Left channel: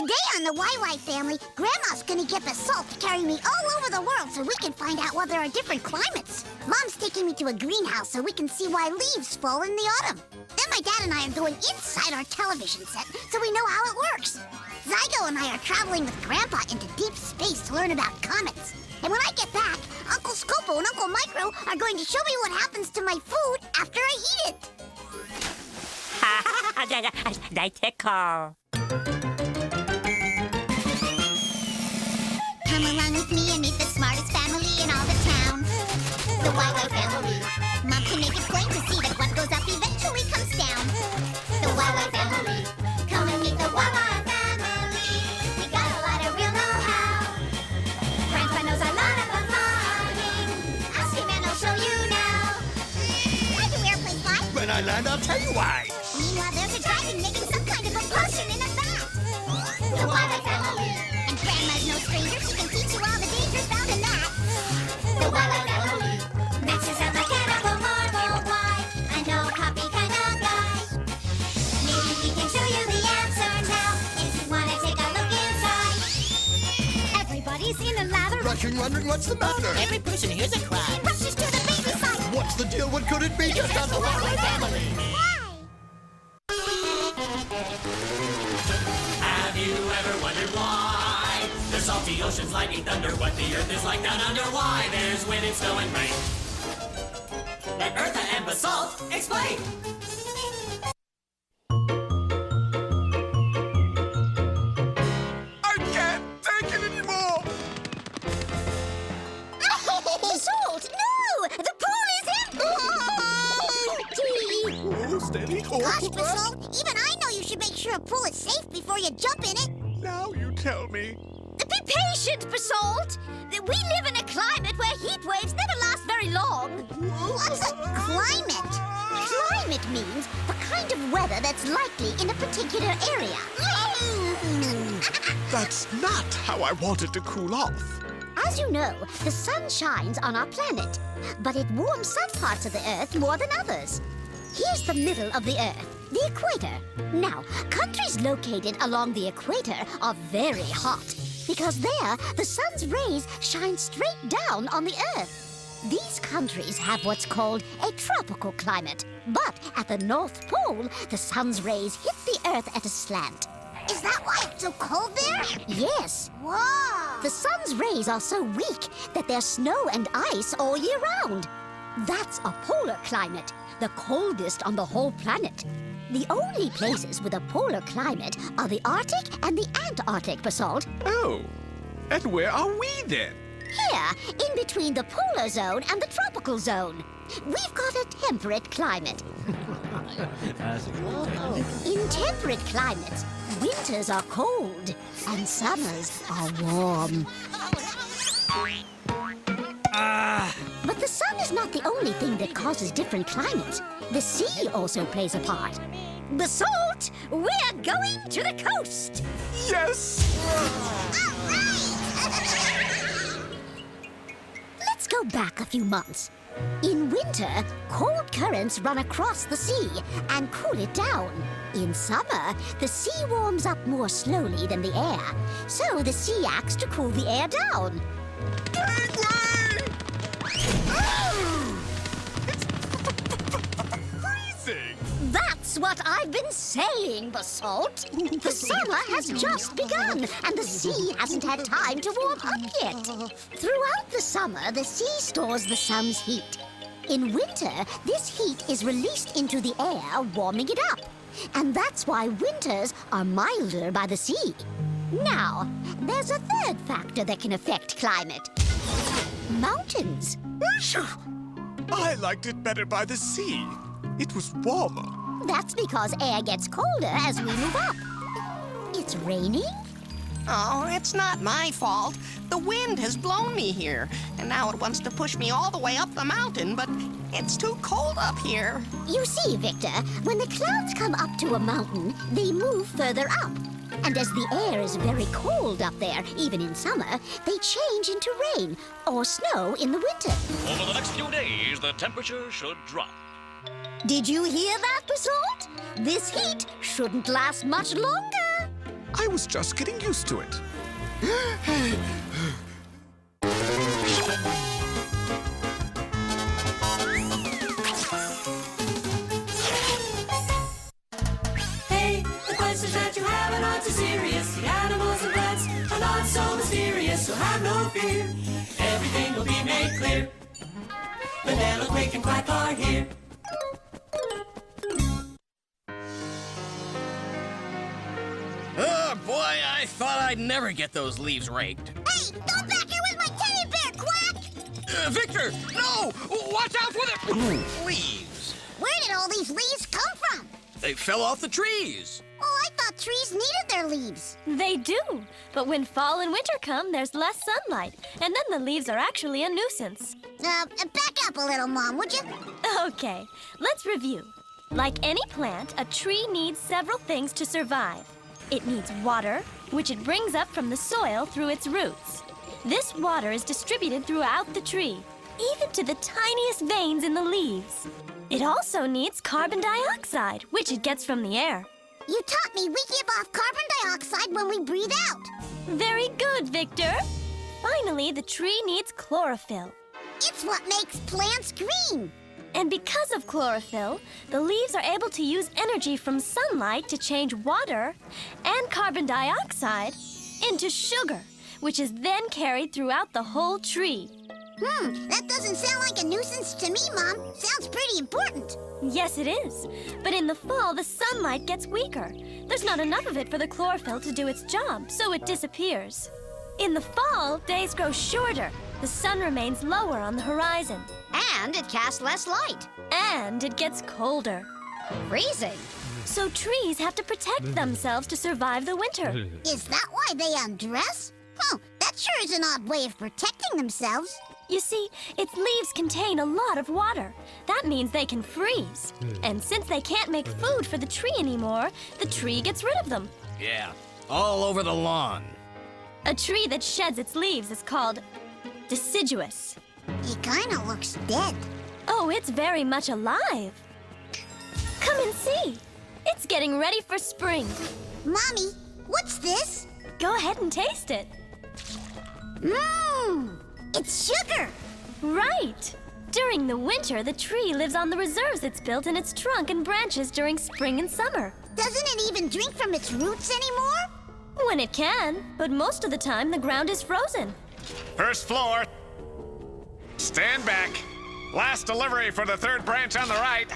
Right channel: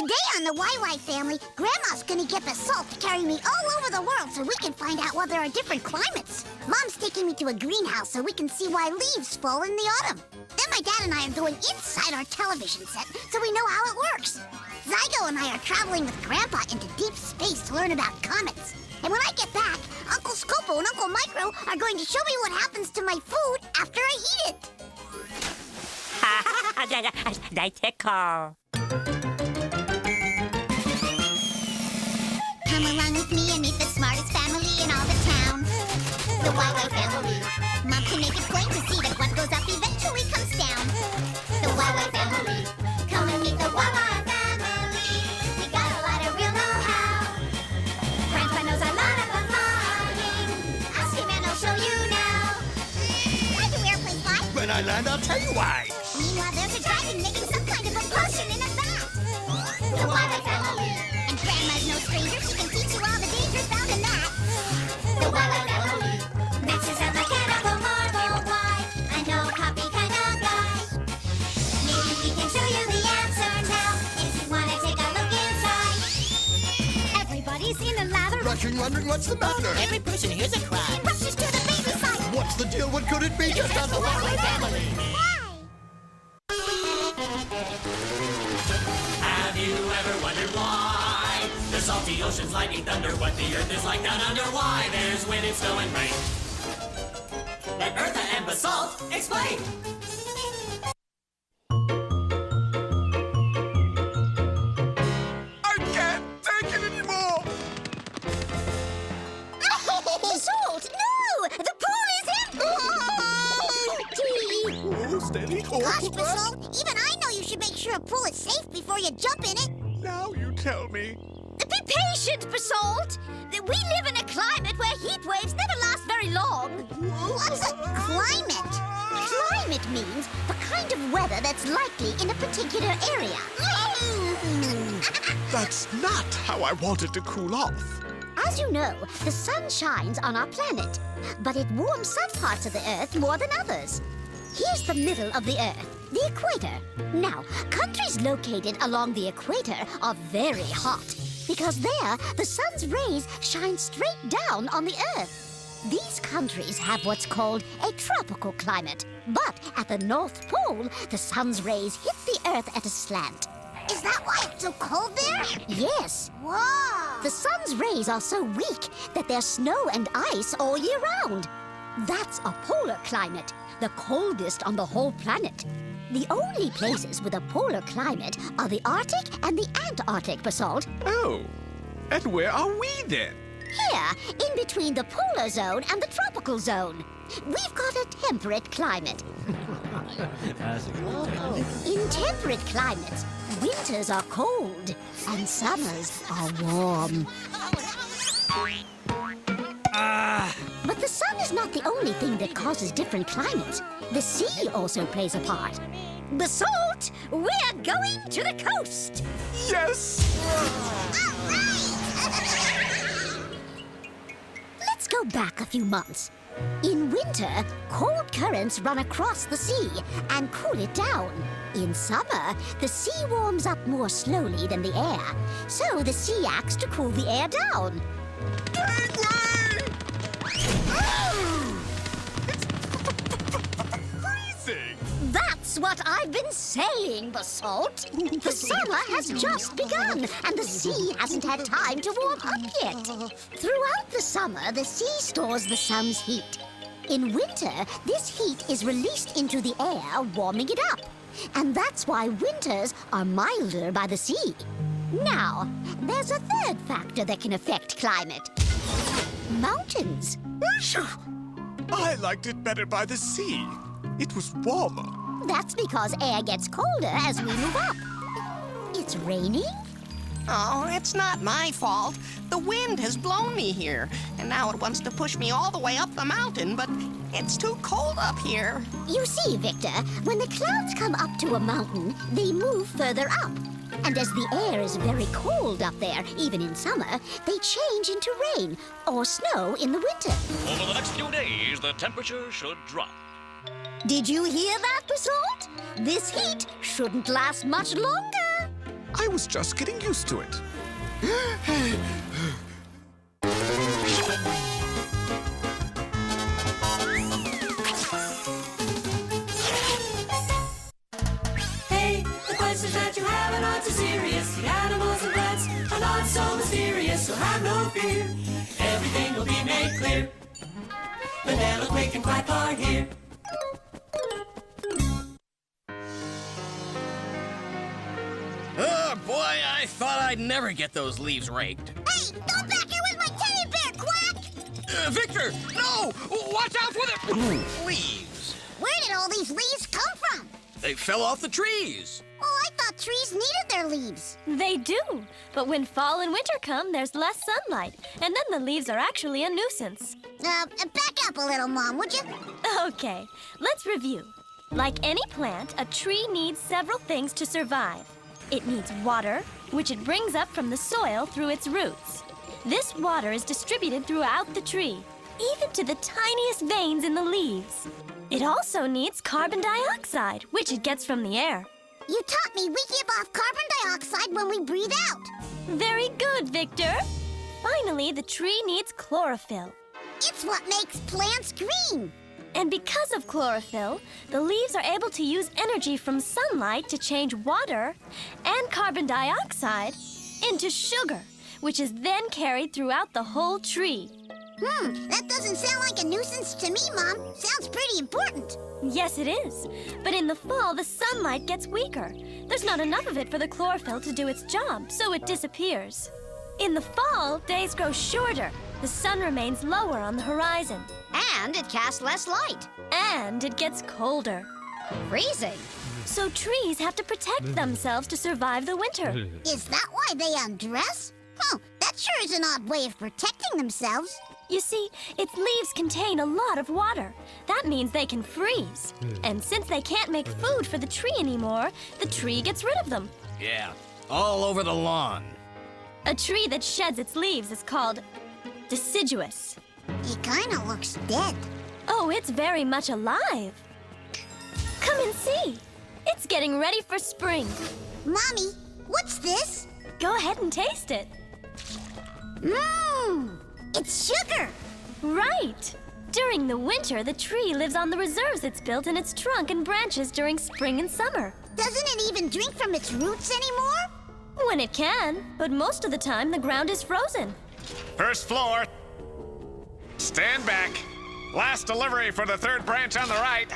Today on the YY family, Grandma's gonna get the salt to carry me all over the world so we can find out what there are different climates. Mom's taking me to a greenhouse so we can see why leaves fall in the autumn. Then my dad and I are going inside our television set so we know how it works. Zygo and I are traveling with Grandpa into deep space to learn about comets. And when I get back, Uncle Scopo and Uncle Micro are going to show me what happens to my food after I eat it. They tickle. Come along with me and meet the smartest family in all the town. The YY family. Mom can make it plain to see that what goes up eventually comes down. The YY family. Come and meet the YY family. We got a lot of real know-how. Grandpa knows a lot about farming. Ask him and he'll show you now. Why do airplanes fly? When I land, I'll tell you why. Meanwhile, there's a dragon making some kind of a potion in a vat. The YY family. And Grandma's no stranger. She can teach you all the dangers found in that. The YY family. Max is unforgettable, marvel why. I know copy kind of guy. Maybe he can show you the answer now. If you want to take a look inside. Everybody's in a lather. Rushing, wondering what's the matter. Every person hears a cry. He rushes to the baby side. What's the deal? What could it be? Just as the YY family. Have you ever wondered why the salty oceans, lightning, thunder, what the earth is like down under? Why there's wind and snow and rain? Let Eartha and Basalt explain. I can't take it anymore. Salt! No! The pool is empty! Oh, steady. Gosh, Basalt, even I know you should make sure a pool is safe before you jump in it. Now you tell me. Be patient, Basalt. We live in a climate where heat waves never last very long. What's a climate? Climate means the kind of weather that's likely in a particular area. That's not how I wanted to cool off. As you know, the sun shines on our planet, but it warms some parts of the Earth more than others. Here's the middle of the Earth, the equator. Now, countries located along the equator are very hot, because there, the sun's rays shine straight down on the Earth. These countries have what's called a tropical climate, but at the North Pole, the sun's rays hit the Earth at a slant. Is that why it's so cold there? Yes. Whoa! The sun's rays are so weak that there's snow and ice all year round. That's a polar climate, the coldest on the whole planet. The only places with a polar climate are the Arctic and the Antarctic, Basalt. Oh, and where are we then? Here, in between the polar zone and the tropical zone. We've got a temperate climate. In temperate climates, winters are cold and summers are warm. But the sun is not the only thing that causes different climates. The sea also plays a part. Basalt, we're going to the coast. Yes! Let's go back a few months. In winter, cold currents run across the sea and cool it down. In summer, the sea warms up more slowly than the air, so the sea acts to cool the air down. That's what I've been saying, Basalt. The summer has just begun, and the sea hasn't had time to warm up yet. Throughout the summer, the sea stores the sun's heat. In winter, this heat is released into the air, warming it up. And that's why winters are milder by the sea. Now, there's a third factor that can affect climate. Mountains. I liked it better by the sea. It was warmer. That's because air gets colder as we move up. It's raining? Oh, it's not my fault. The wind has blown me here, and now it wants to push me all the way up the mountain, but it's too cold up here. You see, Victor, when the clouds come up to a mountain, they move further up. And as the air is very cold up there, even in summer, they change into rain or snow in the winter. Over the next few days, the temperature should drop. Did you hear that, Basalt? This heat shouldn't last much longer. I was just getting used to it. Hey, the questions that you have are not too serious. The animals and plants are not so mysterious, so have no fear. Everything will be made clear. Vanilla, Quick, and Quack are here. Oh, boy, I thought I'd never get those leaves raked. Hey, don't back here with my teddy bear, Quack! Victor, no! Watch out for the leaves. Where did all these leaves come from? They fell off the trees. Well, I thought trees needed their leaves. They do, but when fall and winter come, there's less sunlight, and then the leaves are actually a nuisance. Back up a little, Mom, would you? Okay, let's review. Like any plant, a tree needs several things to survive. It needs water, which it brings up from the soil through its roots. This water is distributed throughout the tree, even to the tiniest veins in the leaves. It also needs carbon dioxide, which it gets from the air. You taught me we give off carbon dioxide when we breathe out. Very good, Victor. Finally, the tree needs chlorophyll. It's what makes plants green. And because of chlorophyll, the leaves are able to use energy from sunlight to change water and carbon dioxide into sugar, which is then carried throughout the whole tree. That doesn't sound like a nuisance to me, Mom. Sounds pretty important. Yes, it is. But in the fall, the sunlight gets weaker. There's not enough of it for the chlorophyll to do its job, so it disappears. In the fall, days grow shorter. The sun remains lower on the horizon. And it casts less light. And it gets colder. Freezing. So trees have to protect themselves to survive the winter. Is that why they undress? That sure is an odd way of protecting themselves. You see, its leaves contain a lot of water. That means they can freeze. And since they can't make food for the tree anymore, the tree gets rid of them. Yeah, all over the lawn. A tree that sheds its leaves is called deciduous. He kinda looks dead. Oh, it's very much alive. Come and see. It's getting ready for spring. Mommy, what's this? Go ahead and taste it. It's sugar. Right. During the winter, the tree lives on the reserves it's built in its trunk and branches during spring and summer. Doesn't it even drink from its roots anymore? When it can, but most of the time the ground is frozen. First floor. Stand back. Last delivery for the third branch on the right.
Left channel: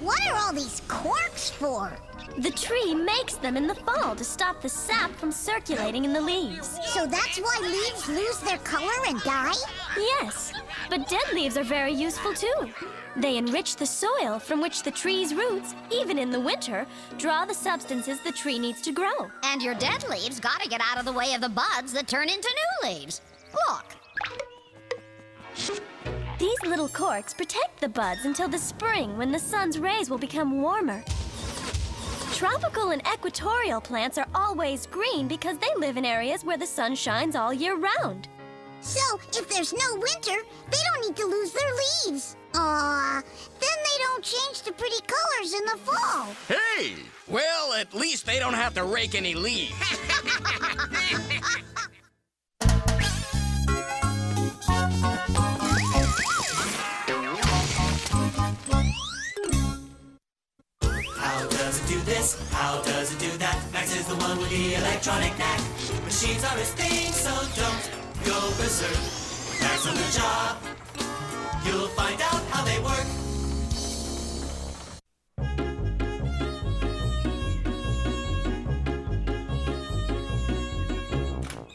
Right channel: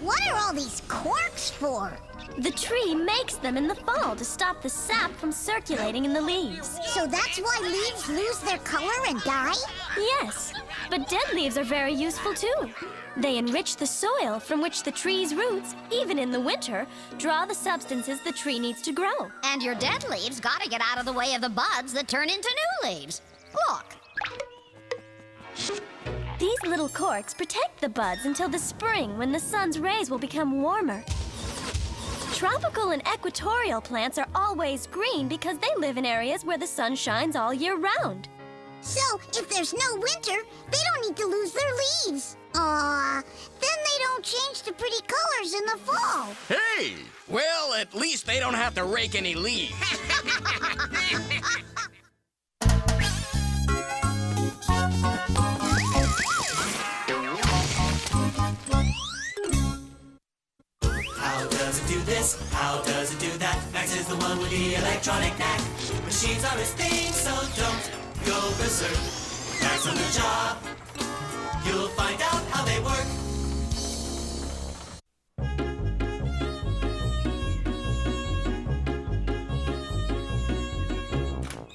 What are all these corks for? The tree makes them in the fall to stop the sap from circulating in the leaves. So that's why leaves lose their color and die? Yes, but dead leaves are very useful too. They enrich the soil from which the tree's roots, even in the winter, draw the substances the tree needs to grow. And your dead leaves gotta get out of the way of the buds that turn into new leaves. Look. These little corks protect the buds until the spring when the sun's rays will become warmer. Tropical and equatorial plants are always green because they live in areas where the sun shines all year round. So, if there's no winter, they don't need to lose their leaves. Then they don't change to pretty colors in the fall. Hey! Well, at least they don't have to rake any leaves. How does it do this? How does it do that? Max is the one with the electronic knack. Machines are his thing, so don't go berserk. That's on the job. You'll find out how they work.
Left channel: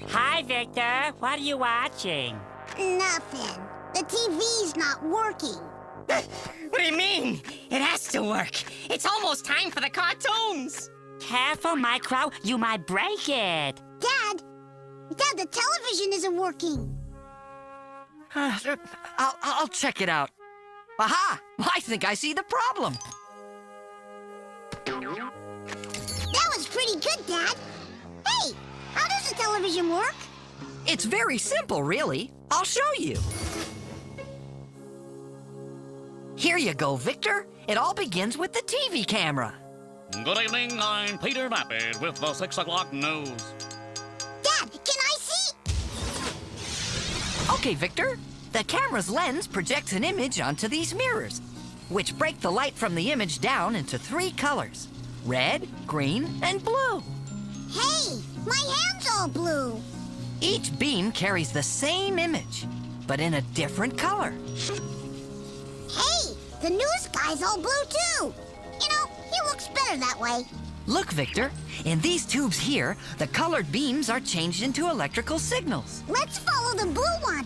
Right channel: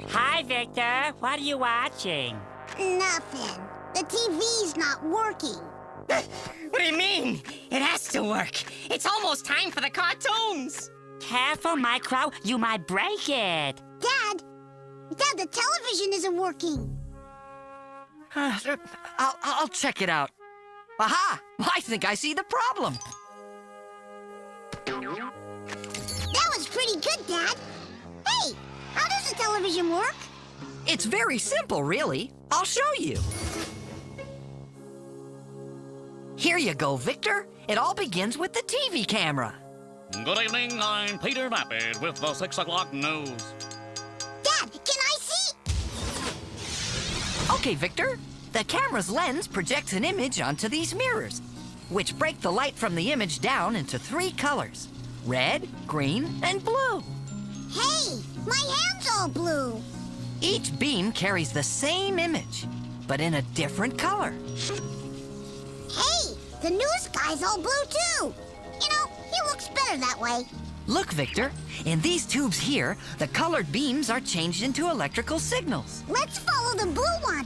Hi, Victor. What are you watching? Nothing. The TV's not working. What do you mean? It has to work. It's almost time for the cartoons. Careful, Micro. You might break it. Dad, the television isn't working. I'll check it out. Aha! I think I see the problem. That was pretty good, Dad. Hey, how does the television work? It's very simple, really. I'll show you. Here you go, Victor. It all begins with the TV camera. Good evening, I'm Peter Vapid with the 6 o'clock news. Dad, can I see? Okay, Victor. The camera's lens projects an image onto these mirrors, which break the light from the image down into 3 colors: red, green, and blue. Hey, my hand's all blue. Each beam carries the same image, but in a different color. Hey, the news guy's all blue too. You know, he looks better that way. Look, Victor, in these tubes here, the colored beams are changed into electrical signals. Let's follow the blue one.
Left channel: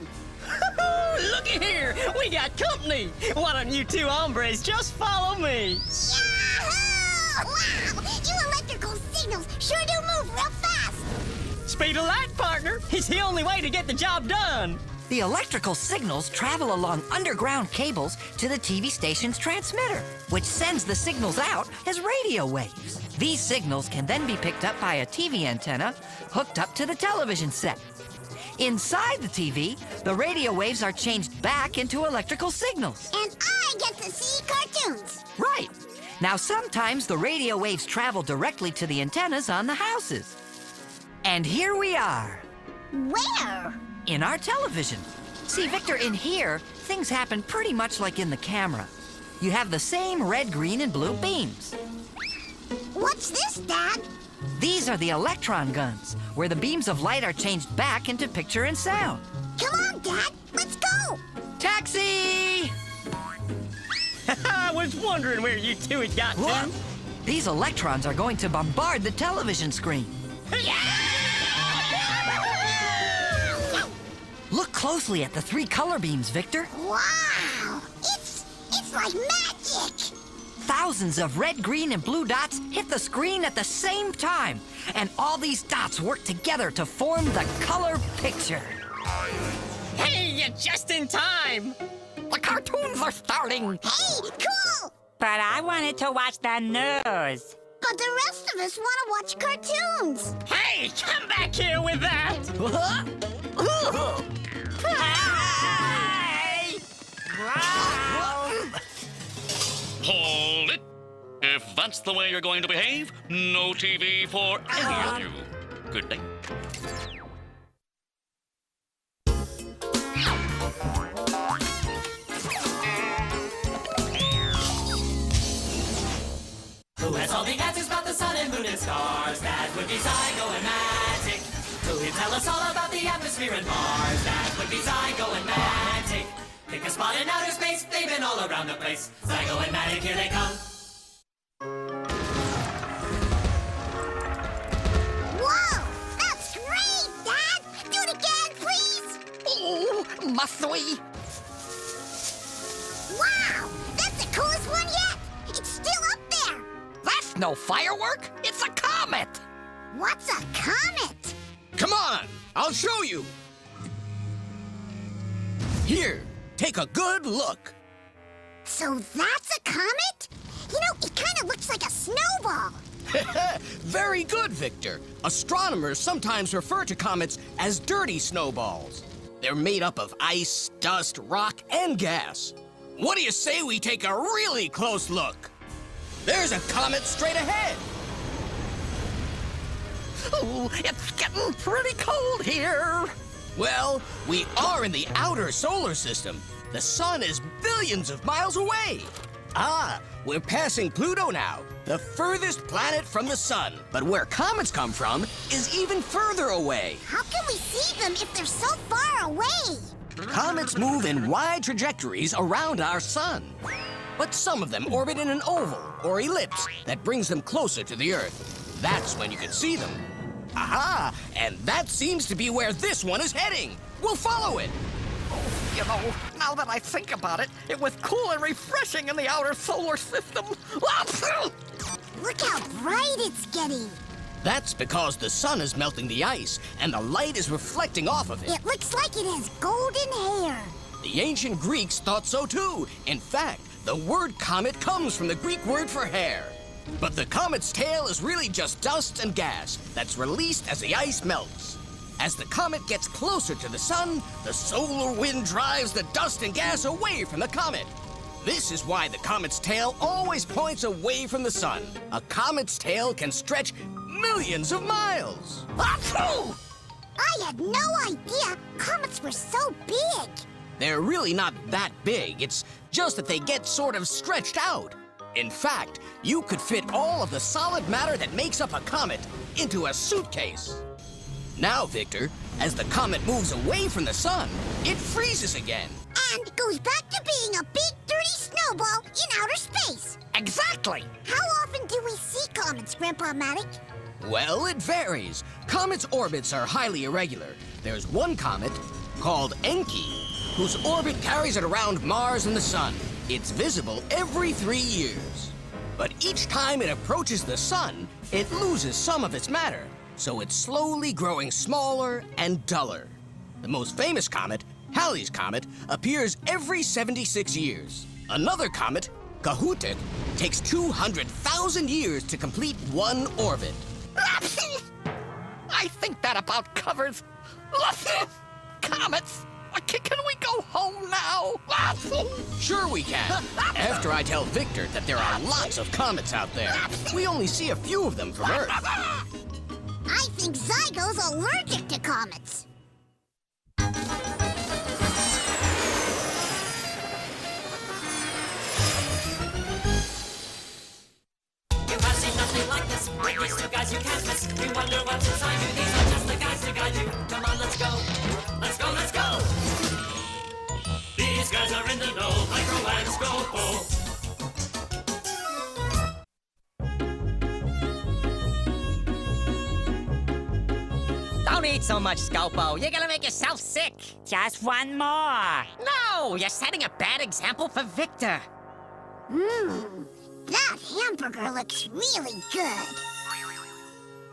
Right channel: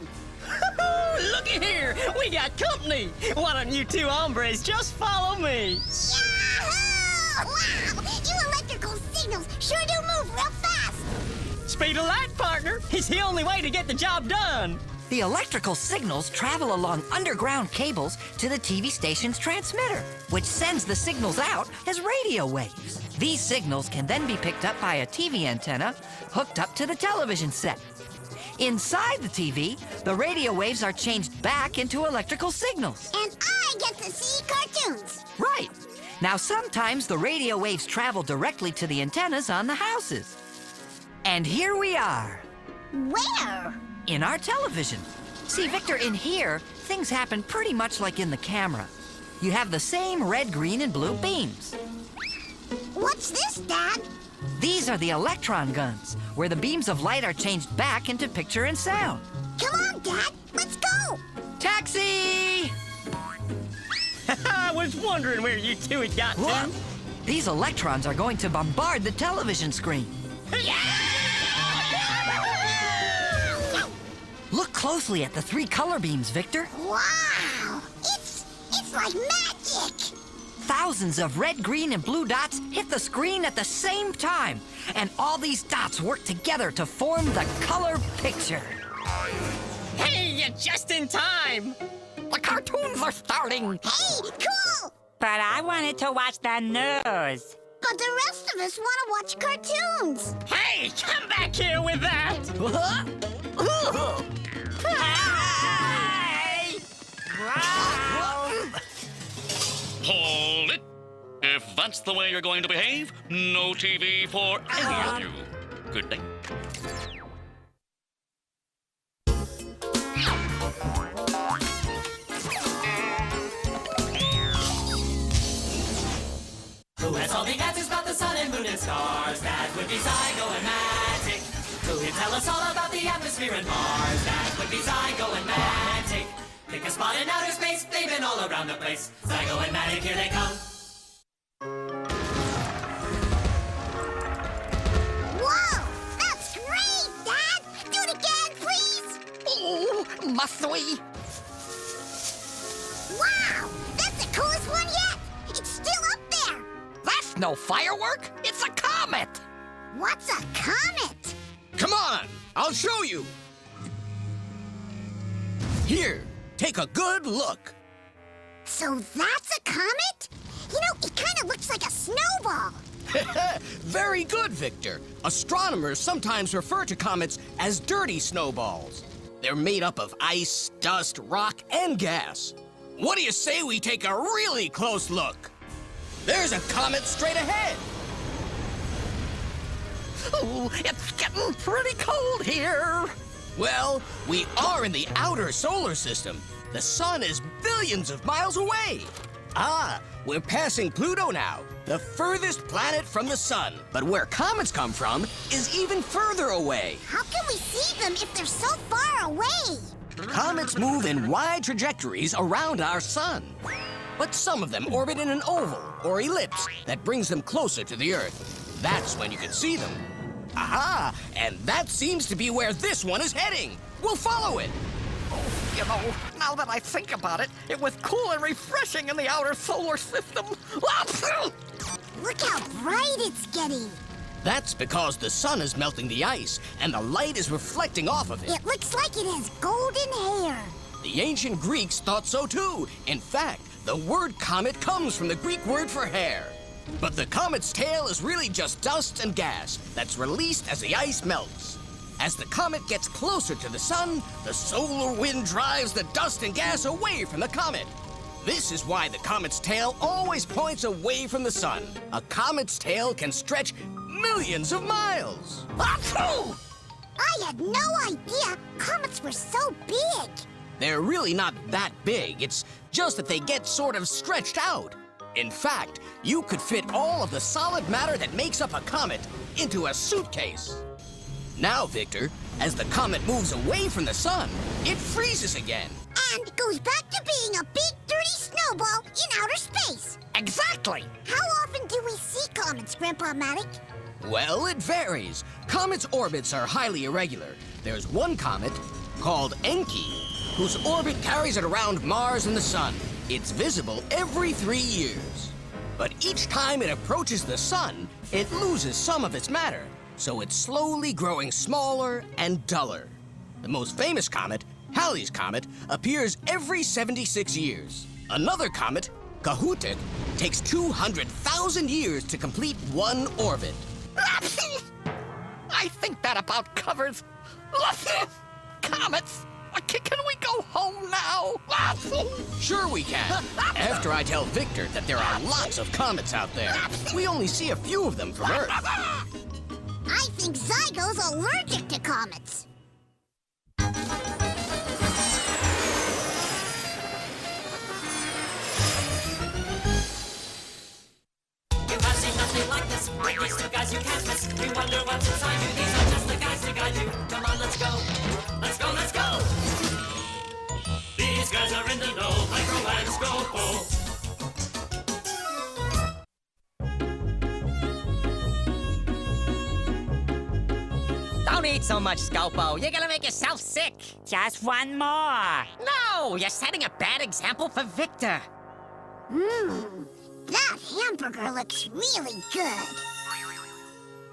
Looky here, we got company. Why don't you two hombres just follow me? Yahoo! Wow, you electrical signals sure do move real fast. Speed of light, partner. It's the only way to get the job done. The electrical signals travel along underground cables to the TV station's transmitter, which sends the signals out as radio waves. These signals can then be picked up by a TV antenna hooked up to the television set. Inside the TV, the radio waves are changed back into electrical signals. And I get to see cartoons. Right. Now, sometimes the radio waves travel directly to the antennas on the houses. And here we are. Where? In our television. See, Victor, in here, things happen pretty much like in the camera. You have the same red, green, and blue beams. What's this, Dad? These are the electron guns, where the beams of light are changed back into picture and sound. Come on, Dad. Let's go. Taxi! I was wondering where you two had got Look, to. these electrons are going to bombard the television screen. Look closely at the 3 color beams, Victor. Wow. It's like magic. Thousands of red, green, and blue dots hit the screen at the same time. And all these dots work together to form the color picture. Hey, you're just in time. The cartoons are starting. Hey, cool. But I wanted to watch the news. But the rest of us want to watch cartoons. Hey, come back here with that. Hey! Hold it. If that's the way you're going to behave, no TV for any of you. Good day. Who has all the answers about the sun and moon and stars? That would be Zygo and Magic. Who can tell us all about the atmosphere and Mars? That would be Zygo and Magic. Pick a spot in outer space, they've been all around the place. Zygo and Magic, here they come. Whoa, that's great, Dad. Do it again, please. Oh, must we? Wow, that's the coolest one yet. It's still up there. That's no firework. It's a comet. What's a comet? Come on, I'll show you. Here, take a good look. So that's a comet? You know, it kind of looks like a snowball. Very good, Victor. Astronomers sometimes refer to comets as dirty snowballs. They're made up of ice, dust, rock, and gas. What do you say we take a really close look? There's a comet straight ahead. Oh, it's getting pretty cold here. Well, we are in the outer solar system. The sun is billions of miles away. Ah, we're passing Pluto now, the furthest planet from the sun. But where comets come from is even further away. How can we see them if they're so far away? Comets move in wide trajectories around our sun. But some of them orbit in an oval or ellipse that brings them closer to the Earth. That's when you can see them. Aha! And that seems to be where this one is heading. We'll follow it. You know, now that I think about it, it was cool and refreshing in the outer solar system. Look how bright it's getting. That's because the sun is melting the ice and the light is reflecting off of it. It looks like it has golden hair. The ancient Greeks thought so too. In fact, the word comet comes from the Greek word for hair. But the comet's tail is really just dust and gas that's released as the ice melts. As the comet gets closer to the sun, the solar wind drives the dust and gas away from the comet. This is why the comet's tail always points away from the sun. A comet's tail can stretch millions of miles. I had no idea comets were so big. They're really not that big. It's just that they get sort of stretched out. In fact, you could fit all of the solid matter that makes up a comet into a suitcase. Now, Victor, as the comet moves away from the sun, it freezes again. And goes back to being a big, dirty snowball in outer space. Exactly. How often do we see comets, Grandpa Matic? Well, it varies. Comets' orbits are highly irregular. There's one comet, called Enki, whose orbit carries it around Mars and the sun. It's visible every 3 years. But each time it approaches the sun, it loses some of its matter, so it's slowly growing smaller and duller. The most famous comet, Halley's Comet, appears every 76 years. Another comet, Kohoutek, takes 200,000 years to complete one orbit. I think that about covers comets. Can we go home now? Sure we can. After I tell Victor that there are lots of comets out there. We only see a few of them from Earth. I think Zygo's allergic to comets. These guys are in the know, microscope. Don't eat so much, Scopo. You're gonna make yourself sick. Just one more. No, you're setting a bad example for Victor. That hamburger looks really good.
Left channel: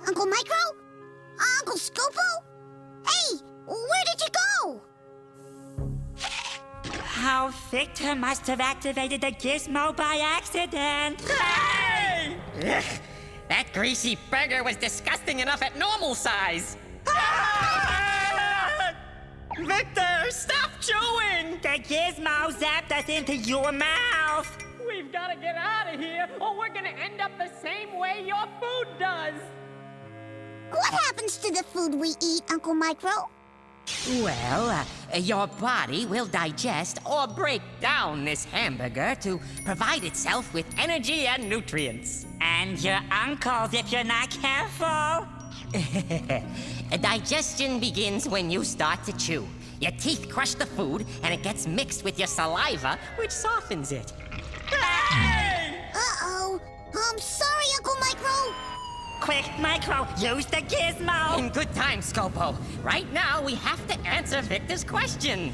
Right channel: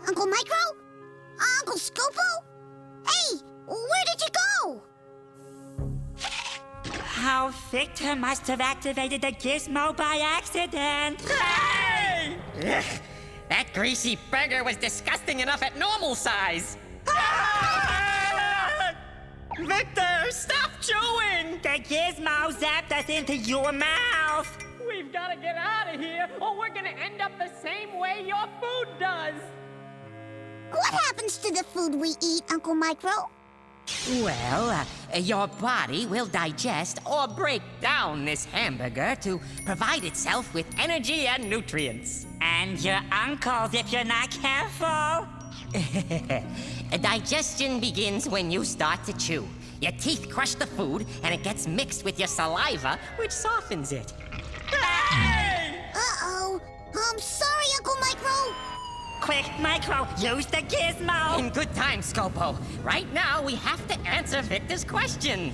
Uncle Micro? Uncle Scopo? Hey, where did you go? How Victor must have activated the gizmo by accident. Hey! Ugh, that greasy burger was disgusting enough at normal size. Victor, stop chewing! The gizmo zapped us into your mouth. We've got to get out of here, or we're going to end up the same way your food does. What happens to the food we eat, Uncle Micro? Well, your body will digest or break down this hamburger to provide itself with energy and nutrients. And your uncles if you're not careful. Digestion begins when you start to chew. Your teeth crush the food, and it gets mixed with your saliva, which softens it. Uh-oh. I'm sorry, Uncle Micro. Quick, Micro, use the gizmo. In good time, Scopo. Right now, we have to answer Victor's question.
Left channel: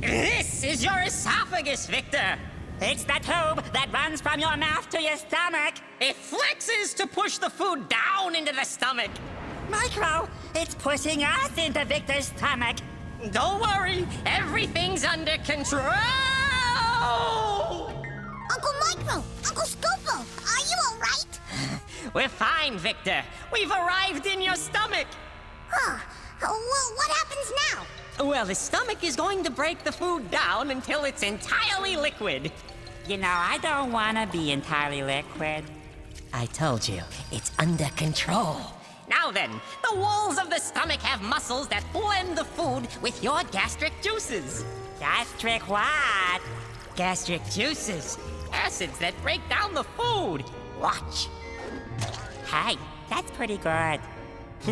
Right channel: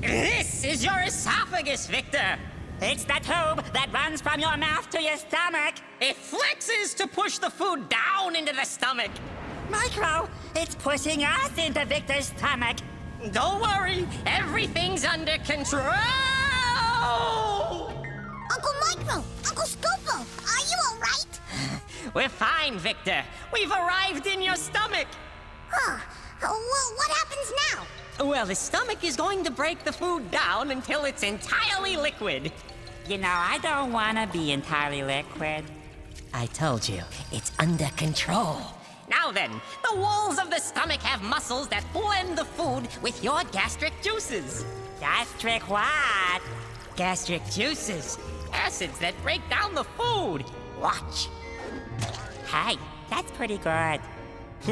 This is your esophagus, Victor. It's the tube that runs from your mouth to your stomach. It flexes to push the food down into the stomach. Micro, it's pushing us into Victor's stomach. Don't worry, everything's under control. Uncle Micro, Uncle Scopo, are you all right? We're fine, Victor. We've arrived in your stomach. Huh. Well, what happens now? Well, the stomach is going to break the food down until it's entirely liquid. You know, I don't want to be entirely liquid. I told you, it's under control. Now then, the walls of the stomach have muscles that blend the food with your gastric juices. Gastric what? Gastric juices. Acids that break down the food. Watch. Hey, that's pretty good.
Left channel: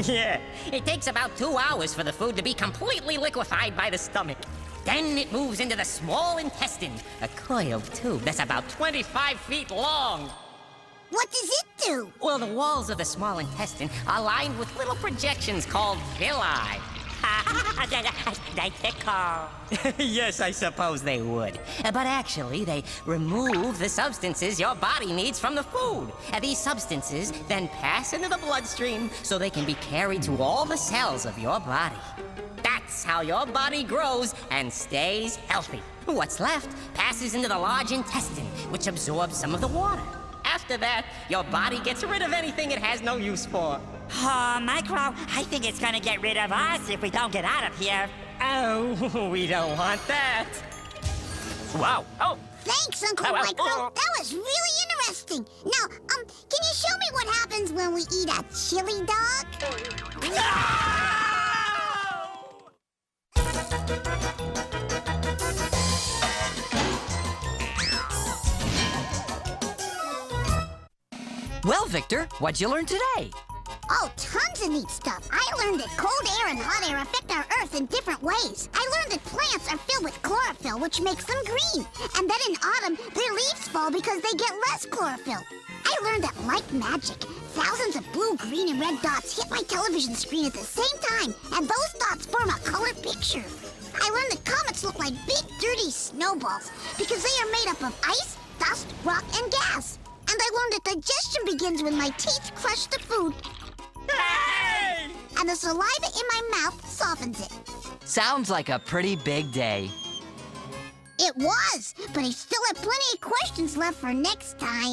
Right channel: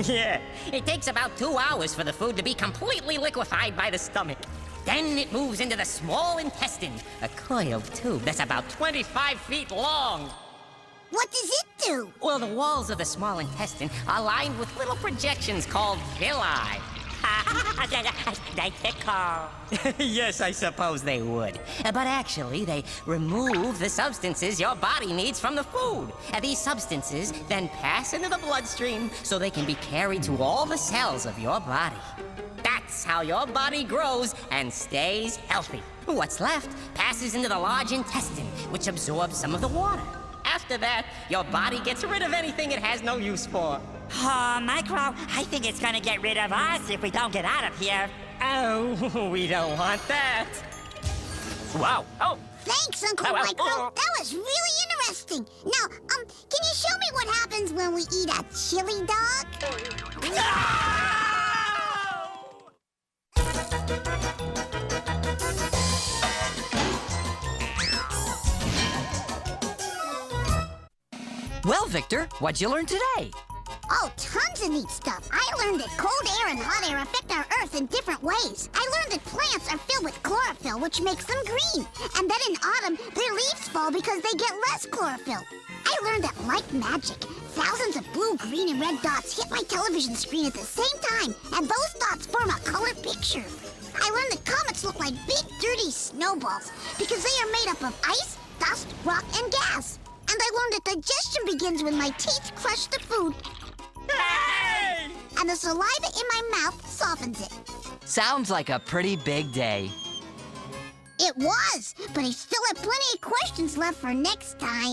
Yeah, it takes about 2 hours for the food to be completely liquefied by the stomach. Then it moves into the small intestine, a coiled tube that's about 25 feet long. What does it do? Well, the walls of the small intestine are lined with little projections called villi. They tickle. Yes, I suppose they would. But actually, they remove the substances your body needs from the food. These substances then pass into the bloodstream so they can be carried to all the cells of your body. That's how your body grows and stays healthy. What's left passes into the large intestine, which absorbs some of the water. After that, your body gets rid of anything it has no use for. Oh, Micro, I think it's gonna get rid of us if we don't get out of here. Oh, we don't want that. Wow. Oh. Thank Thanks, Uncle Michael. That was really interesting. Now, can you show me what happens when we eat a chili dog? Well, Victor, what'd you learn today? Oh, tons of neat stuff. I learned that cold air and hot air affect our Earth in different ways. I learned that plants are filled with chlorophyll, which makes them green. And that in autumn, their leaves fall because they get less chlorophyll. I learned that, like magic, thousands of blue, green, and red dots hit my television screen at the same time, and those dots form a color picture. I learned that comets look like big, dirty snowballs because they are made up of ice, dust, rock, and gas. And I learned that digestion begins when my teeth crush the food. Hey! And the saliva in my mouth softens it. Sounds like a pretty big day. It was, but I still have plenty of questions left for next time.